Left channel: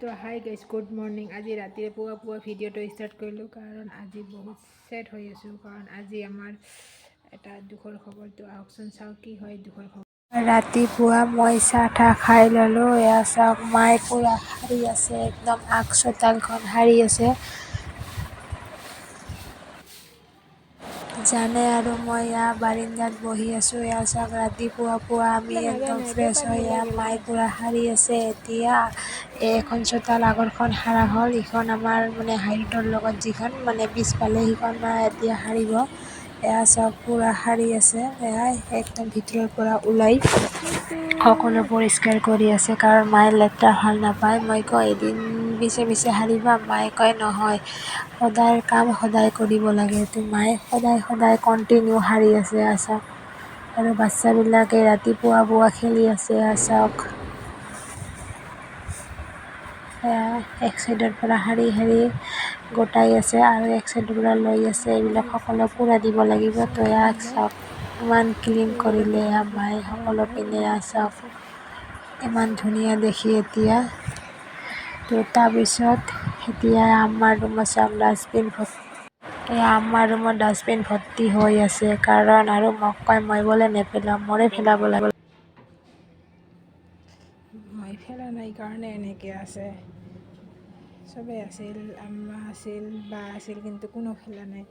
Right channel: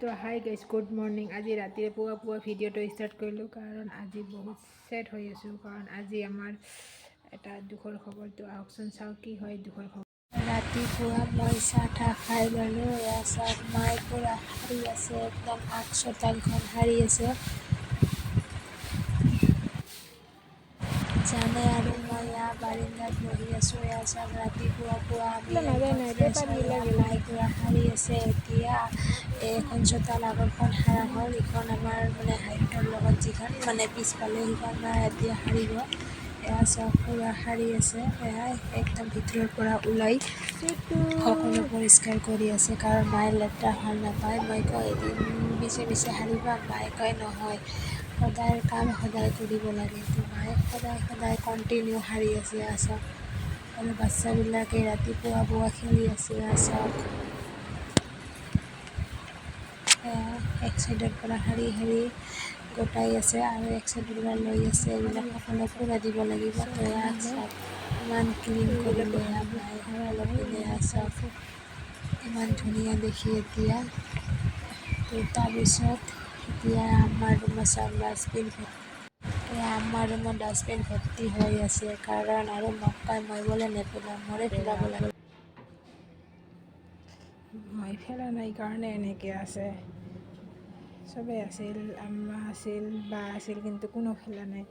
তো hi guys good morning. আজি ৰাতিৰে পুৱা ভিডিঅ'টো ষ্টাৰ্ট কৰিলোঁ কাৰণ আজি বহুত ছেড হৈ আছোঁ, কাৰণ আজি আমাৰ এটা দুখৰ খবৰটো আহকচোন চাওঁ কি হয় দুখৰ খবৰ। ৰাতিপুৱা মই চাহ তাহ খাই ল'লোঁ। এয়া চাওক মায়ে পূৰা সাৰি আছে, একদম আগ চোতালখন সাৰি আছে জানে, আৰু মই এয়া বাৰিন্দাত বহি আছোঁ। এয়া চাওক ৰাতিপুৱা আমি একদম ফ্ৰেছ হৈ এয়া মায়ে পূৰা সাৰি আছে। এতিয়া এখন চোতাল আগৰখন সাৰা হ'ল, ইখন আমাৰ মানে হাইটৰ লগত যিখন মানে পিছফালে সিখন মায়ে এতিয়া সাৰিব। এয়া চাওক পূৰা সাৰি আছে, এয়া একদম ভিতৰৰ পৰা ওলাই সকলো পৰিষ্কাৰ কৰি আছে, কাৰণ মায়ে লেতেৰা ভাল নাপায়। মই কওঁ এদিন পিছে সাৰিবা, মায়ে কয় নহয়, সদায় কাম সদায় কৰিব লাগে। তো মায়ে সদায় কণ্টিনিউ সাৰি আছে। চাওক আৰু বাচ্চাবিলাকে ৰাতিপুৱা খেলি আছে। চাওক এক চাইডৰ পৰা শাৰী গোটাই আছে আৰু এক চাইডৰ পৰা লৈ আছে। এইবিলাক সকলো পূৰা দিব লাগিব। তো ইয়াক চাওক ইমান ক্লিন কৰিলে মায়ে সকলো পিনে। চাওক ইমান ধুনীয়া দেখি। এতিয়া তো তাৰপিছত এতিয়া আমাৰ ৰুমত চাওক ডাষ্টবিন আমাৰ ৰুমত ডাষ্টবিন ভৰ্তি হৈ আছে, কাৰণ আৰু মোক কয় মই বোলে নেপেলাওঁ, মোৰে পেলাব লাগে। মই ফেলা নাই কাৰণে এনেকৈ আছে। চবেই আছিল, আম্মা আছিল, বা আছিল, কিন্তু কোনো ফেলা নাই।